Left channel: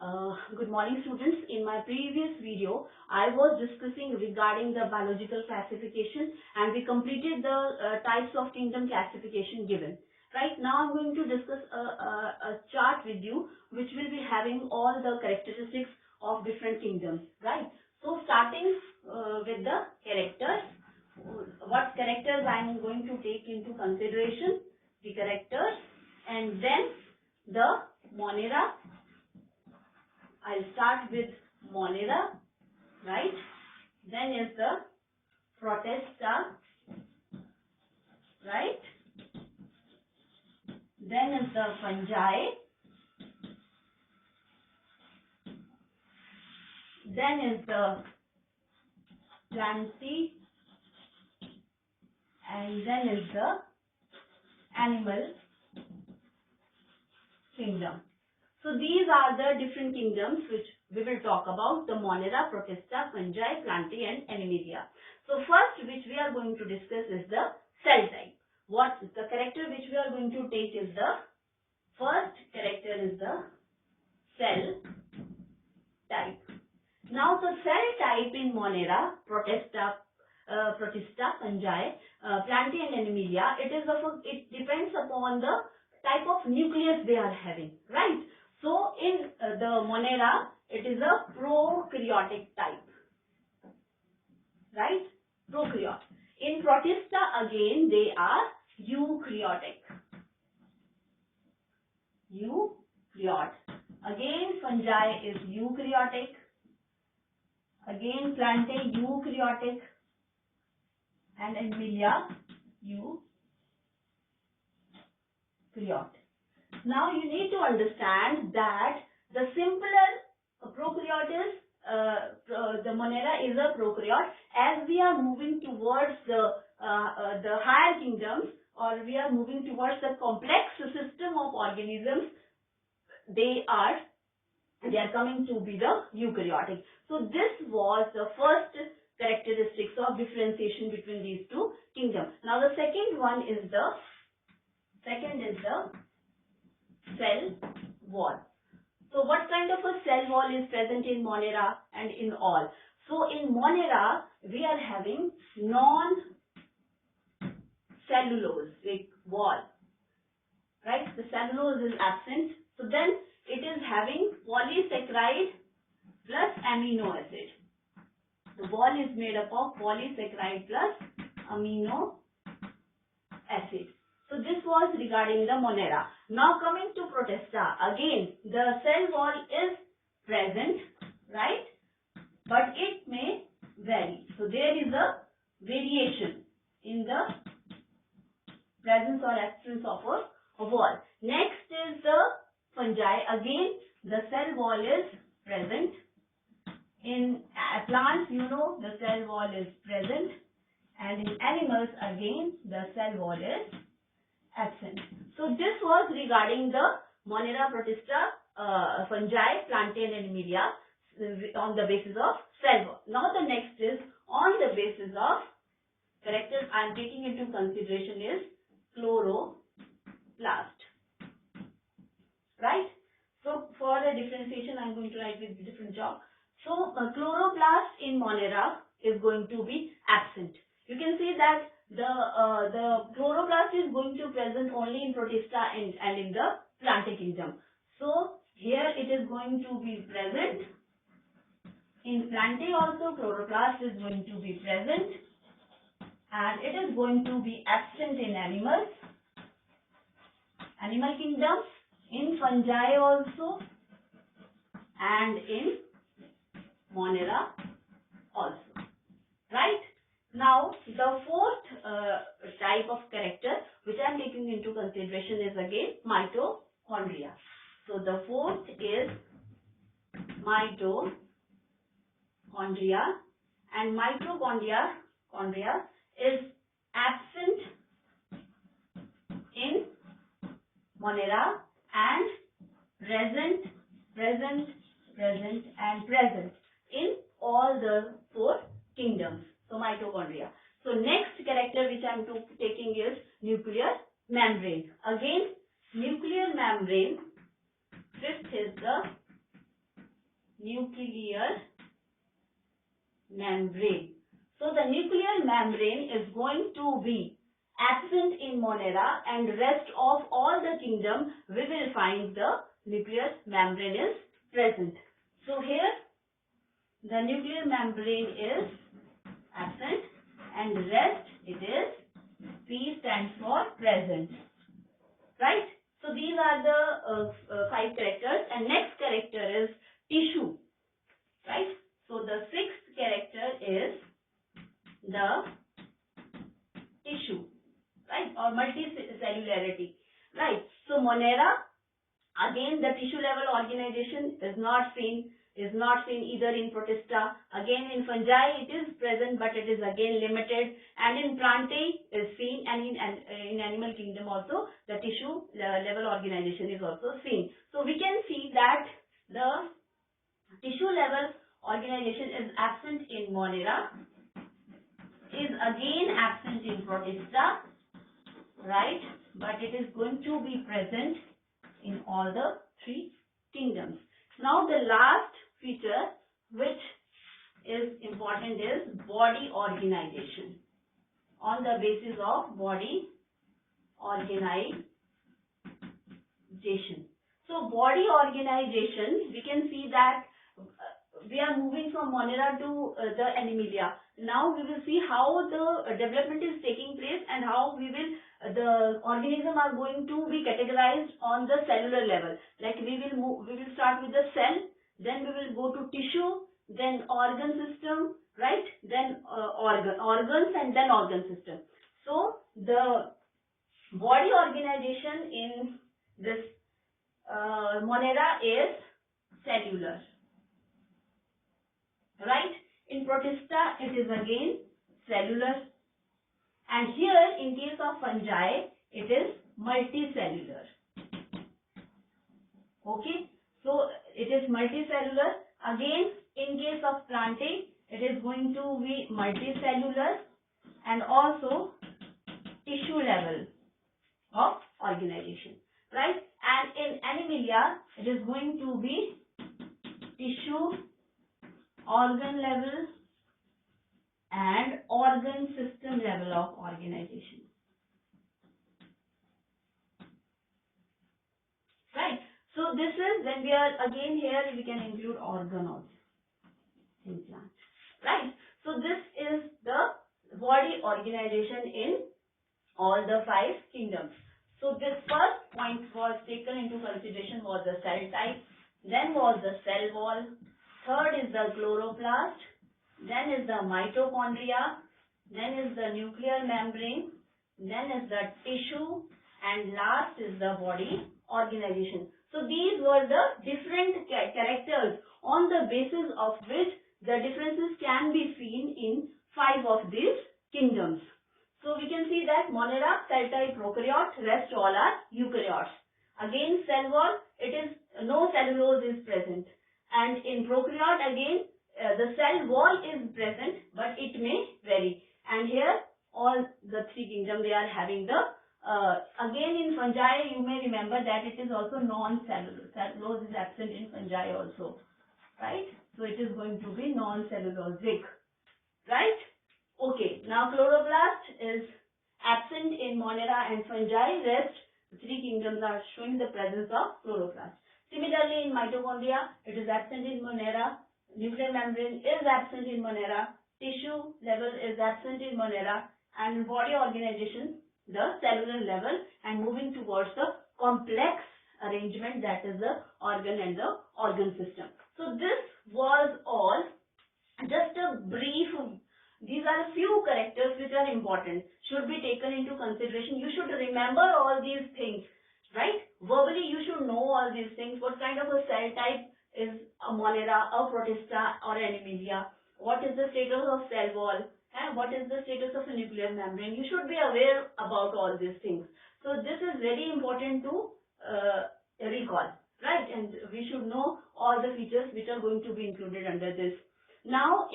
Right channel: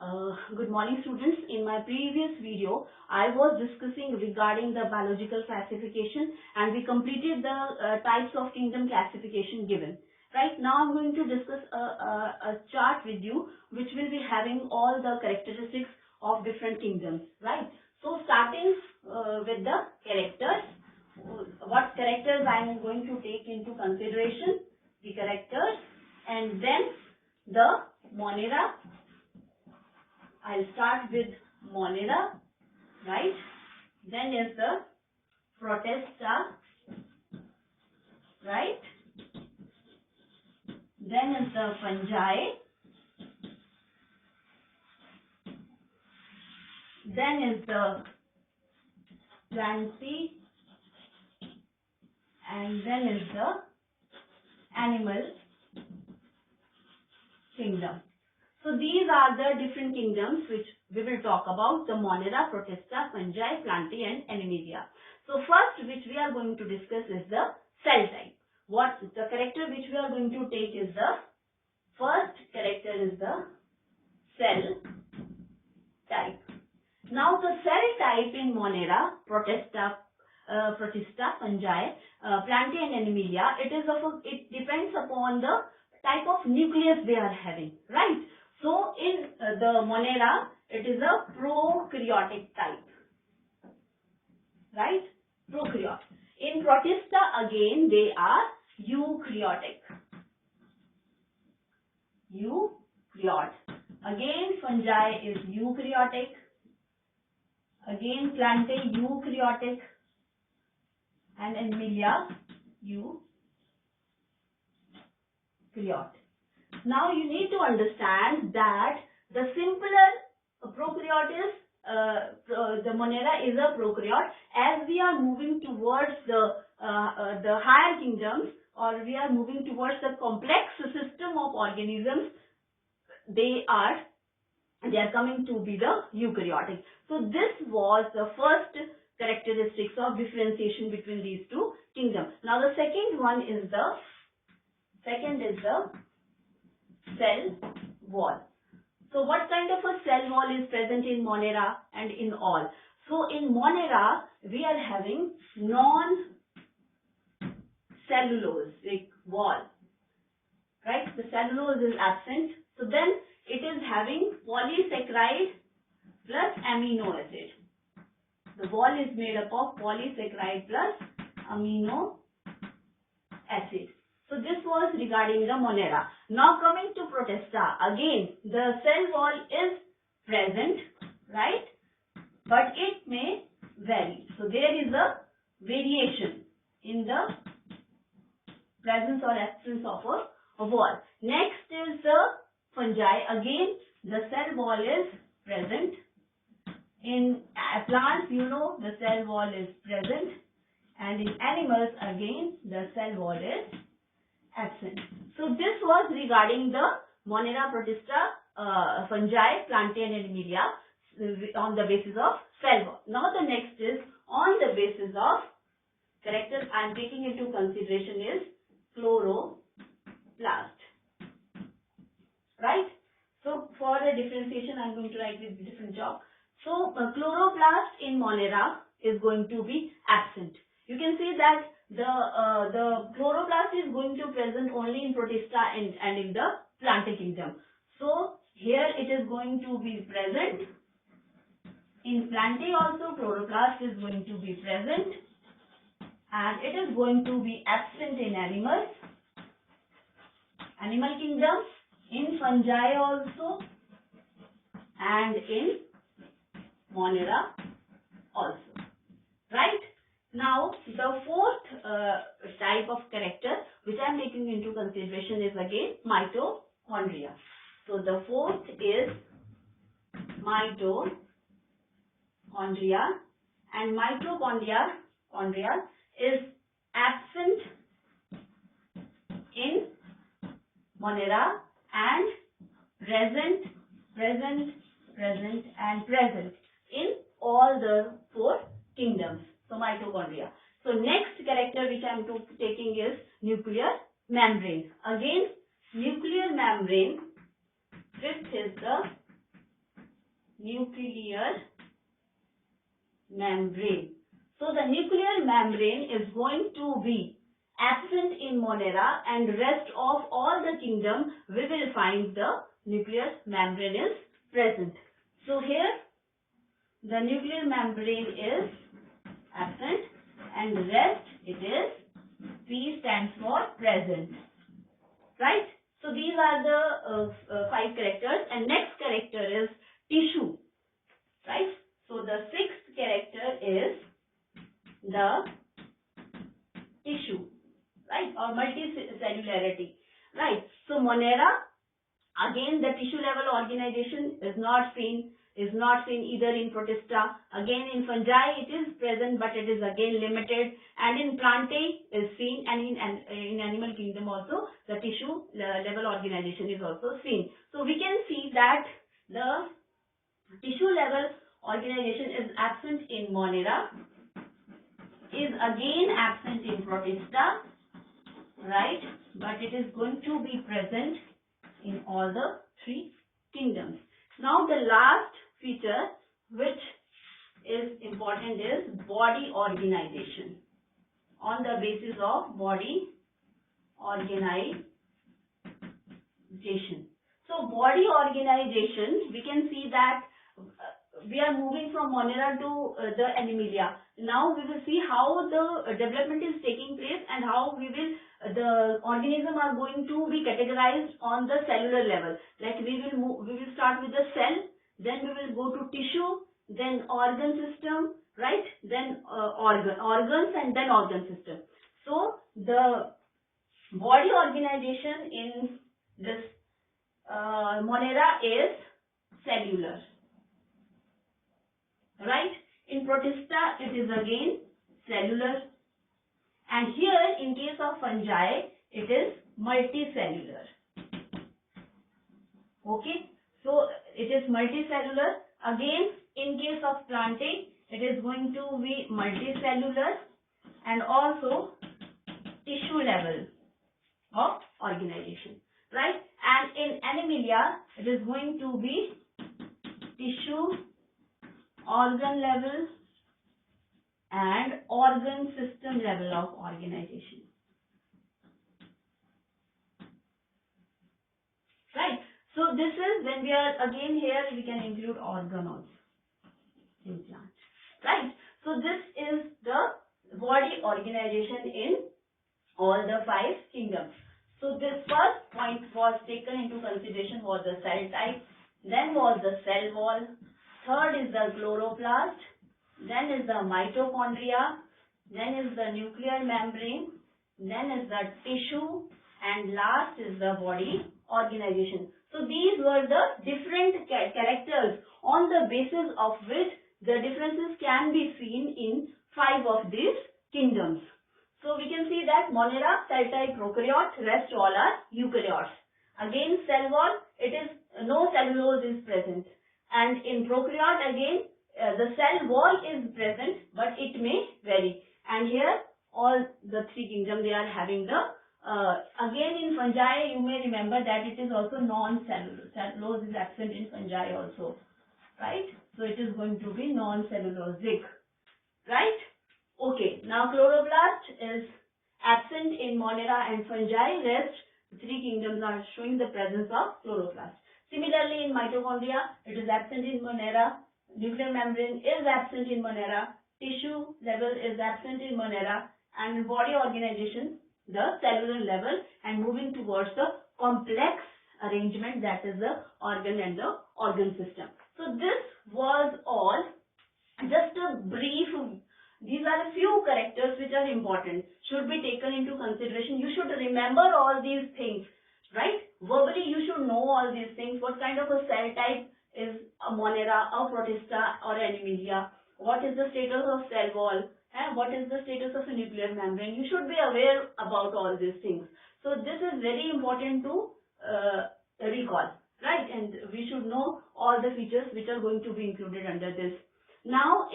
Good morning, students. In my previous video, I was discussing regarding the biological classification, and we completed the types of kingdom classification given. Right now, I'm going to discuss a chart with you, which will be having all the characteristics of different kingdoms. Right. So, starting with the characters, what characters I am going to take into consideration? The characters, and then the Monera. I'll start with Monera, right? Then is the Protista, right? Then is the Fungi. Then is the Plantae, and then is the Animal Kingdom. So these are the different kingdoms which we will talk about: the Monera, Protista, Fungi, Plantae, and Animalia. So first, which we are going to discuss is the cell type. What the character which we are going to take is the first character is the cell type. Now the cell type in Monera, Protista, Fungi, Plantae, and Animalia, it depends upon the type of nucleus they are having, right? So in the Monera, it is a prokaryotic type, right? Prokaryote. In Protista, again they are eukaryotic. Eukaryote. Again Fungi is eukaryotic. Again Plantae eukaryotic, and Animalia eukaryote. Now you need to understand that the simpler prokaryote is, the Monera is a prokaryote. As we are moving towards the higher kingdoms, or we are moving towards the complex system of organisms, they are coming to be the eukaryotic. So this was the first characteristics of differentiation between these two kingdoms. Now the second is the cell wall. So what kind of a cell wall is present in Monera and in all? So in Monera, we are having non-cellulosic wall, right? The cellulose is absent. So then it is having polysaccharide plus amino acid. The wall is made up of polysaccharide plus amino acid. So this was regarding the Monera. Now coming to Protista, again the cell wall is present, right? But it may vary. So there is a variation in the presence or absence of a wall. Next is the Fungi. Again the cell wall is present. In plants, the cell wall is present, and in animals, again the cell wall is absent. So this was regarding the Monera, Protista, Fungi, Plantae, and Animalia on the basis of cell wall. Now the next is on the basis of characters I am taking into consideration is chloroplast, right? So for the differentiation, I am going to write with different job. So chloroplast in Monera is going to be absent. You can see that the chloroplast is going to present only in Protista and in the Plantae kingdom. So here it is going to be present. In Plantae also chloroplast is going to be present, and it is going to be absent in animal kingdom, in fungi also, and in Monera also, right? Now the fourth type of character which I am taking into consideration is again mitochondria. So the fourth is mitochondria, and mitochondria is absent in Monera and present in all the four kingdoms. So mitochondria. So next character which I am taking is nuclear membrane. Again nuclear membrane, fifth is the nuclear membrane. So the nuclear membrane is going to be absent in Monera, and rest of all the kingdom we will find the nuclear membrane is present. So here the nuclear membrane is absent, and rest it is P stands for present, right? So these are the 5 characters, and next character is tissue, right? So the 6th character is the tissue, right, or multicellularity, right? So Monera, again the tissue level organization is not seen either in Protista. Again in fungi it is present, but it is again limited, and in Plantae is seen, and in animal kingdom also the tissue level organization is also seen. So we can see that the tissue level organization is absent in Monera, is again absent in Protista, right, but it is going to be present in all the 3 kingdoms. Now the last feature which is important is body organization, on the basis of body organization. So body organization, we can see that we are moving from Monera to the Animalia. Now we will see how the development is taking place, and how the organism are going to be categorized on the cellular level. Like we will start with the cell, then we will go to tissue, then organ system, right? Then organs, and then organ system. So the body organization in this Monera is cellular, right? In Protista it is again cellular, and here in case of fungi it is multicellular. Okay, so it is multicellular. Again in case of Plantae it is going to be multicellular, and also tissue level of organization, right? And in Animalia it is going to be tissue, organ level, and organ system level of organization, right? So this is when we are again here, we can include organ also in plant, right? So this is the body organization in all the 5 kingdoms. So this first point was taken into consideration was the cell type, then was the cell wall, third is the chloroplast, then is the mitochondria, then is the nuclear membrane, then is the tissue, and last is the body organization. So these were the different characters on the basis of which the differences can be seen in 5 of these kingdoms. So we can see that Monera, cell type prokaryote, rest all are eukaryotes. Again cell wall, it is no cellulose is present, and in prokaryote again the cell wall is present, but it may vary. And here all the 3 kingdoms they are having the again in fungi you may remember that it is also non-cellulose. Cellulose is absent in fungi also, right? So it is going to be non-cellulosic, right? Okay, now chloroplast is absent in Monera and fungi. Rest 3 kingdoms are showing the presence of chloroplast. Similarly in mitochondria it is absent in Monera, nuclear membrane is absent in Monera, tissue level is absent in Monera, and body organization the cellular level, and moving towards the complex arrangement, that is the organ and the organ system. So this was all just a brief. These are a few characters which are important, should be taken into consideration. You should remember all these things, right? Verbally you should know all these things. What kind of a cell type is a Monera, a Protista, or Animalia? What is the status of cell wall? And what is the status of a nuclear membrane? You should be aware about all these things. So this is very important to recall, right? And we should know all the features which are going to be included under this. Now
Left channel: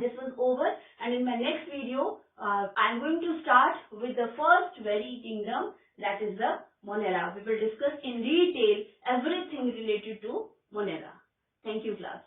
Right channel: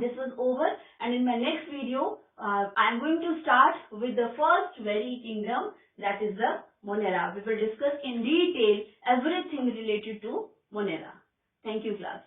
this was over, and in my next video I am going to start with the first very kingdom, that is the Monera. We will discuss in detail everything related to Monera. Thank you, class.